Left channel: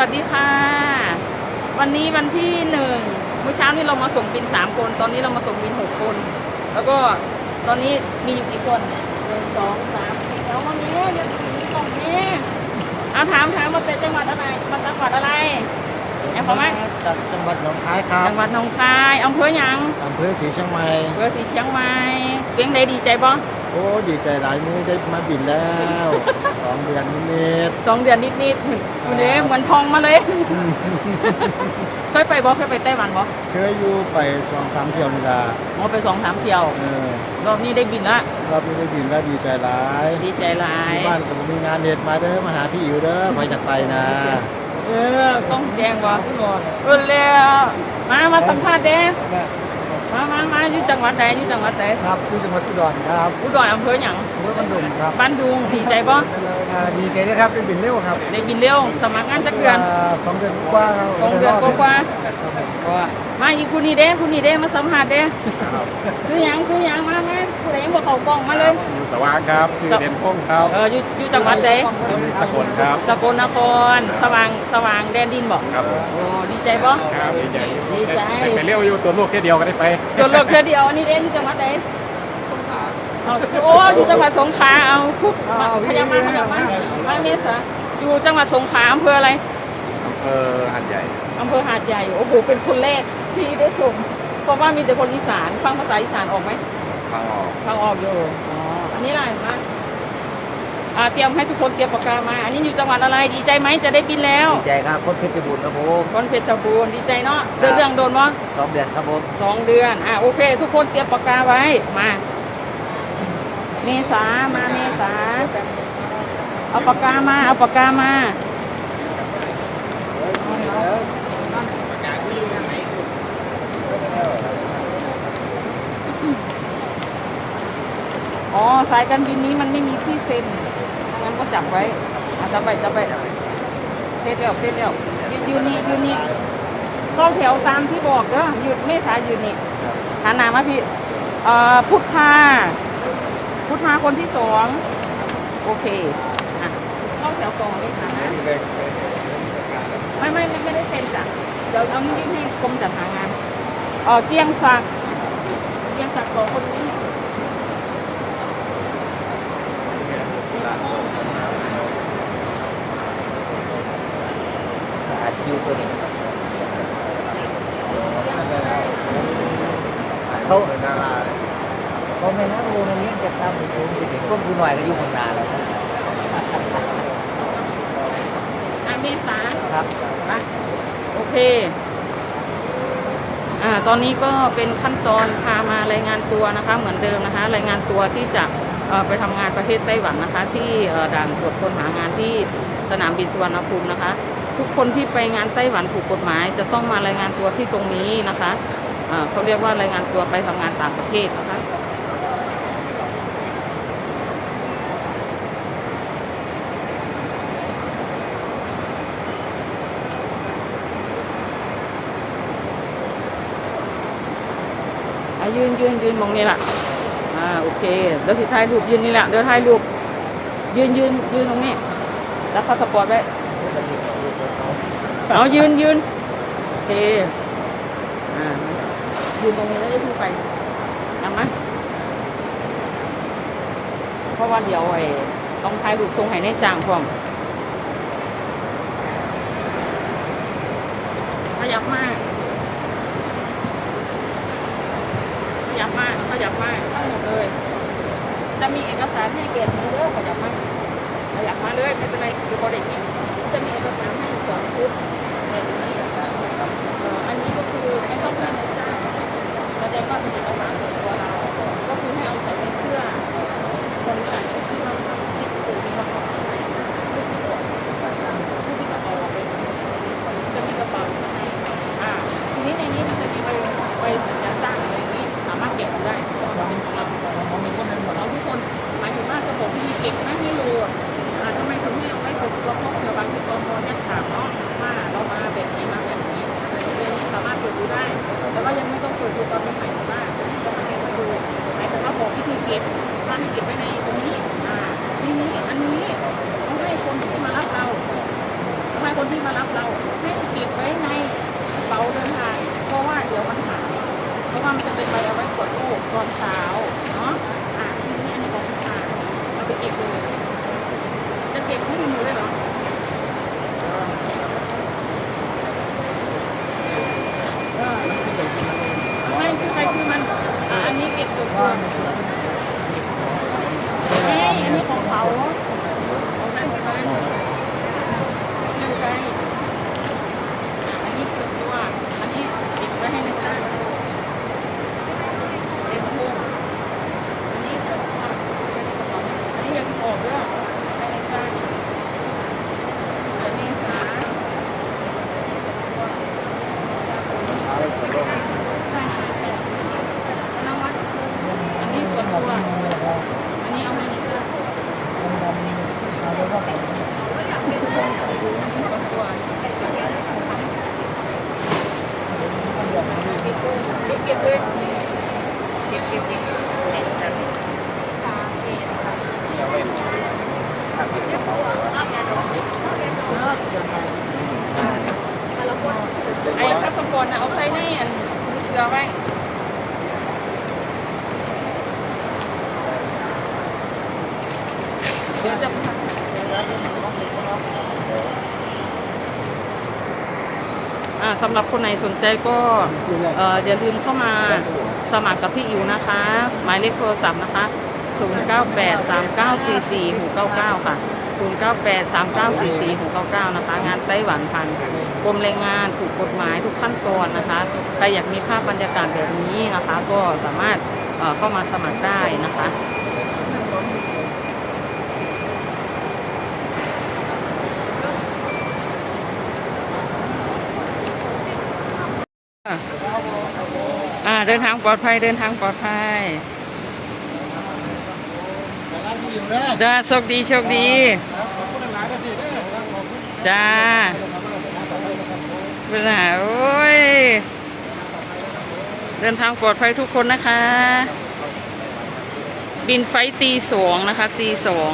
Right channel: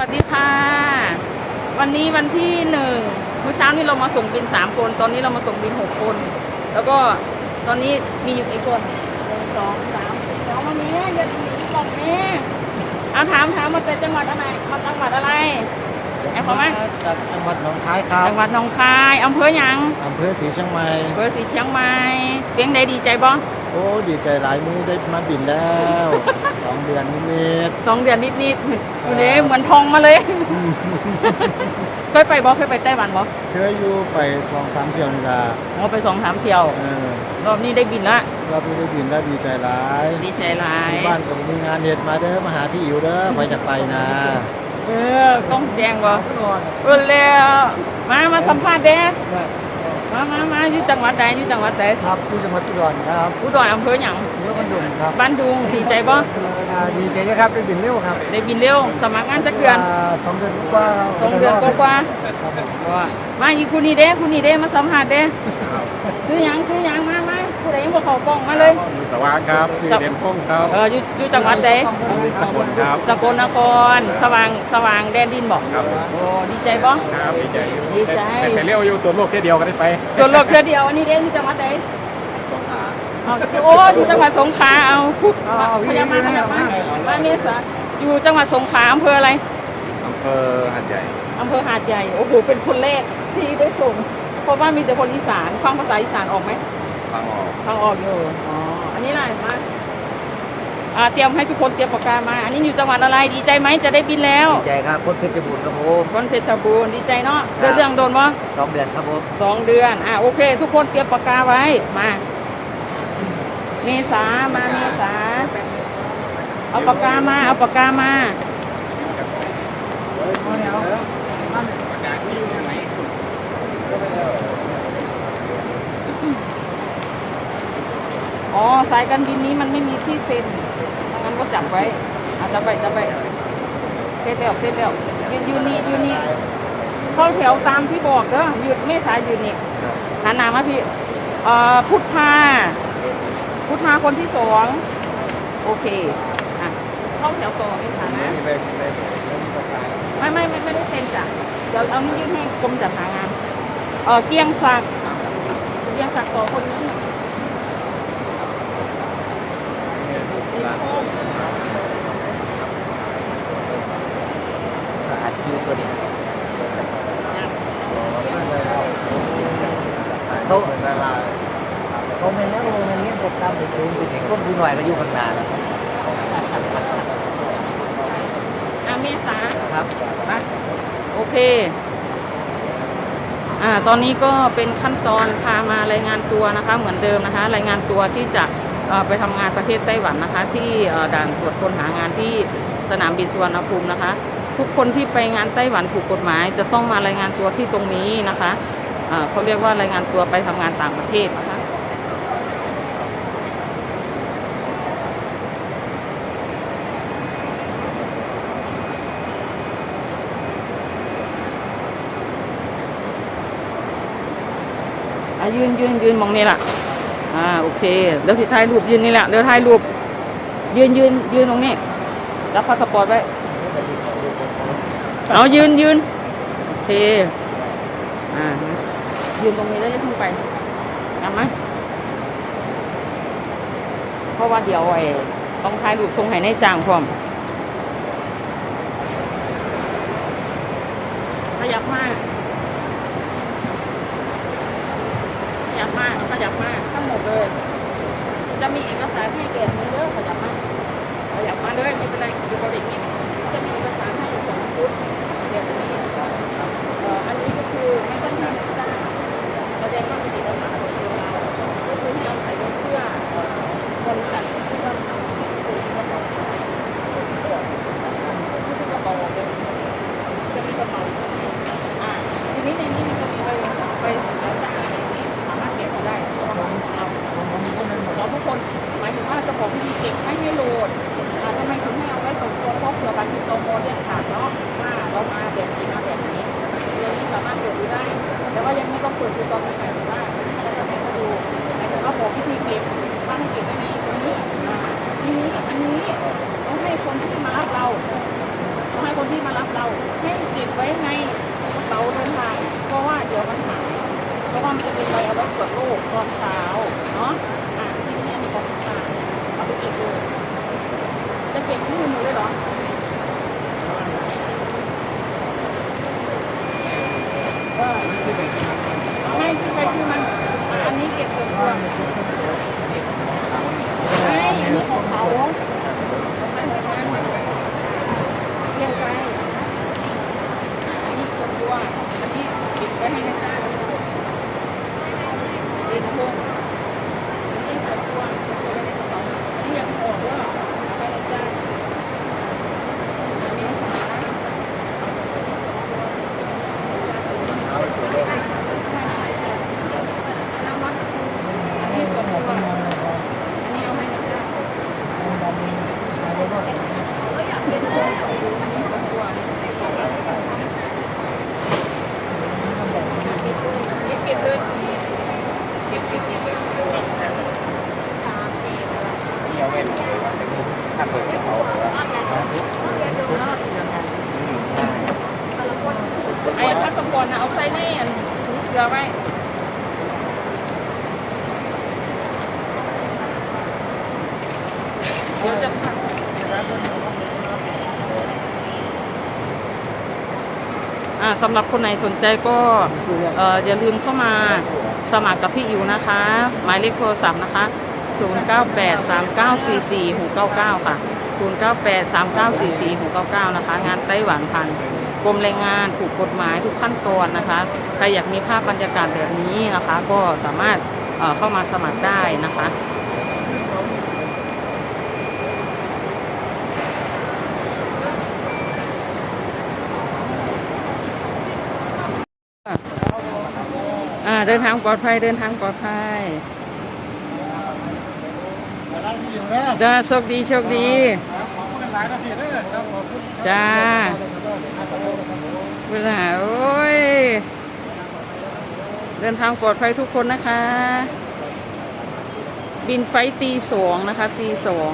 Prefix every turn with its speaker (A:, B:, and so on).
A: สวัสดีค่ะ วันนี้วันที่หนึ่งเมื่อเช้านี้เรามาส่งบินสามคน ตอนนี้เรามาส่งบินหกคน แล้วก็ตอนนี้มีอยู่กี่คนหนึ่งสองสามสองวันนี้เดี๋ยวตรงนี้เอาถามถามมาเป็นจังหวัดอะไรมาจังหวัดอะไร ไอ้พ่อไหม
B: จากจังหวัดหนองคายครับ
A: จังหวัดหนองคายอำเภอหยัง
B: อำเภอศรีเชียงใหม่
A: อำเภอสีเชียงใหม่เสียงใดดีใจบ่
B: โอ้ดีใจหลายนี้ได้มาบินแล้วสองเดือนนิด
A: สองเดือนนิดๆอยู่เลยเหมือนทองมาเลยเคยไปบ่เคยไปไต้หวันบ่
B: ๆเคยอยู่ไปสองสามเที่ยวนี่ละ
A: เราไปสองสามเที่ยว
B: เออ
A: รอบนี้ได้บินละ
B: รอบนี้ได้บินแล้วดีใจหลาย
A: ดีใจหลาย
B: ที่บ้านก็บ่มีงานเด็ดมาเด้อมาหาพี่อิ๋วเด้อไปจากไปนะ
A: เออ ต้องแจ้งว่าเออแล้ว มา มาสัมภาษณ์เด้มามามาอยู่จังหวัดใดอยู่จังหวัดใด
B: ครับที่จังหวัดอุดรครับ
A: อุดรอำเภอหยัง
B: อำเภอบันดุงครับ
A: บ้านดุงดีใจบ่
B: อ่าดีใจนะครับได้บินเร็วครับ
A: ได้บินเร็วสมัครงานจักเดือน
B: อ่าสองเดือนกว่าครับ
A: สองเดือนกว่า
B: ครับผม
A: ๆว่ามาอีกคุณนี่เด้คุณนี่เด้มาสัมภาษณ์เด้ซื้อหยังซื้อหยังมามาผู้ใด ยังบ่เข้ากล้องมาเลย
C: อยู่สว่างครับชื่อเด่นพงษ์ครับ
A: เอออยู่อยู่จังหวัดใด
C: สกลครับ
A: สกลนคร สว่างสว่างแดนดินบ่
C: ครับผม
A: โอ้ดีใจบ่
C: ครับดีใจอยู่
A: ดีใจ
C: แต่ไปเลี้ยวอยู่ตัวโลกแค่เดียวก็ได้ไป
A: ตัวรถเทื่อเดียวอันนี้เด้ที่จังหวัดใด
C: สงขลา
A: อ๋อโอ้อยู่จังหวัดสงขลาเอาพุกพยามาพยามาว่าเมษาอยู่จังหวัดสงขลาอำเภออะไร
C: อำเภอหัดใหญ่
A: อำเภอหาดใหญ่โอ้โหเป็นคนแรกที่ได้ส่งเพราะว่ามีแต่คนอีสานฟังภาษาอีสานออกไหม
C: ฟังออก
A: ฟังออกอยู่ อ๋อ อันนี้อะไรมาอ่าเตรียมให้ทุกคนเตรียมปากกามา อันนี้อยู่จังหวัดอะไร ดีใจไหมจะได้บินแล้ว
B: ดีใจครับคนเพชรบูรณ์ครับผม
A: คนเพชรบูรณ์ดีใจเนาะ
B: ครั
A: เดือน
B: บ
A: เรื่องโดนมั้ง
B: สองเดือนครับผม
A: สองเดือน อะโอเค ทุกคนเตรียมปากกาไว้ มา เมษา มาเมษา เอาปากกามา เอาปากกามา อ๋อสายการบินนี้มันไม่มีที่เซ็นถ้างั้นก็จับไว้อาจับไว้จับไว้เซ็นแล้วเซ็นแล้วยืนนี่ยืนนี่เข้าแถวตามที่บอกเด้อหยุดเมษายยืนนี่หันหน้ามาพี่เอ่อพุทธาพุทธาคนที่สองโอเคอะเข้าแถวต่อเลยค่ะนะ ไม่ไม่ไม่ไม่ได้เซ็นจ้ะเดี๋ยวเอานี่ยื่นให้กรมจัดหางานเออเกียงศักดิ์เกียงศักดิ์ต่อคนนี้
B: อัดคิวตัวนี้เขาดาราเขาเป็นนักโรงเรียนจะทำไปสูงไปถึงต้นผู้หน่อยก็อยู่ข้างหน้าแล้ว
A: อะเมษา
B: ครับ
A: โอเค อ่า ตอนนี้ก็เป็นขั้นตอนพามารายงานตัวนะคะ เหมือนเดิมนะคะ รายงานตัวที่จะ ไปทำงานประเทศไต้หวันนะคะ ที่ด่านตรวจคนหางานที่สนามบินสุวรรณภูมินะคะ ทุกคนที่ไปงานไต้หวันถูกกฎหมาย จะต้องมารายงานตัวที่ตรงนี้นะคะเขาเรียกว่ารายงานตัวไปทำงานต่างประเทศนะคะยืนยืนยืนมองนี่แหละาโอเคเดี๋ยวสิถ่ายรูปยืนนี่แหละเดี๋ยวถ่ายรูปยืนยืนยืนตรงนี้รับพาสปอร์ตไว้เอายืนยืนโอเคอ่ายืนตรงนี้แล้วจะขึ้นไปเห็นไหมเพราะว่าเดี๋ยวไอ้ต้องถ่ายรูปทรงให้ในจางพร้อมขยับมาก ข ยับมากขยับมากทั้งหมดเลย จะมีเอกสารให้เกณฑ์นี้เด้อขยับมากขยับมาเลยไม่เป็นไรคือบริษัทจะมีเอกสารให้สองชุดแบบนี้อันนี้ก็คือไม่ต้องให้นายจ้างแสดงว่าเป็นเอกสารของตัวเรา ก็คือให้เอาใส่ในเสื้อเอ่อบริษัทที่เราถูกกระเป๋าขายผู้ที่ตรวจผู้ที่กระเป๋าออกเป็นจะมีกระเป๋าข้างในอ่า ทีนี้ในนี้มันจะมีใบใบสัญญาจ้างในนี้สามารถเก็บดูได้เพราะว่าเราเราเราทุกคนายถึงว่าระบบที่มีเก็บไม่ให้โหลดทำไมถึงไม่เอาไว้ส่วนตัวเพราะเผื่อบางทีโตโมเรียกถามเนาะว่าเรามาแบบนี้มาแบบนี้เรียนนี้สามารถเปิดดูได้ แต่ว่ายังไม่ต้องเปิดดูตอนนี้หมายถึงว่าจะมาเก็บให้ดูหมายถึงว่าบอกวิธีเก็บว่าให้เก็บไว้ในตรงนี้ทีนี้อันนี้ต้องให้คนที่มารับเราต้องให้คนที่มามารับเราให้เก็บไว้ในกระเป๋าเดินทางเพราะว่าเดี๋ยวมันหายเพราะว่ามันจะเป็นใบเอาไว้ตรวจโรคตอนเช้าเนาะ อะทีนี้อันนี้ของคุณตาเอาไปเก็บเลย จะ เก็บที่มือเลยเหรอไม่คือไปคือมันอะอันนี้เก็บส่วนตัวไม่อันนี้ของเขาของมันของมันเรียงไปอะอันนี้ส่วนตัว อันนี้เก็บไว้ให้ในบ้านเอ็นพงอันนี้ส่วนตัวเก็บไว้ในกระเป๋าอันนี้ยังไม่ออกด้วยให้ในบ้านอันนี้หาใช่ใช่ใช่นวัดอันนี้ส่วนตัว อันนี้เอาให้ในบ้าน อันนี้ส่วนตัวเก็บเก็บเลย ไอ้พัสปอร์ตนะเอาใส่ในอันเสือไว้เยวจะพังอ่าสำหรับคนไหนสนใจก็อย่าลืมเข้ามา สมัครกับพี่อิวนะคะ หมายเลขโทรศัพท์นะคะ 0983944699 ค่ะ 0983944699 นะคะ งานไต้หวันพันกรมแรงงานถูกกฎหมายทุกขั้นตอนนะคะใครอยากมีภาพบรรยากาศแบบนี้นะคะ ก็สามารถเอ่อเข้ามาสมัครได้นะคะ เดินทางปลอดภัยเดินทางปลอดภัยจ้าโชคดีโชคดีจ้าเป็นไโอ้ย เดินทางปลอดภัยทุกคนนะคะ บินไฟตีสองนะคะตีสอง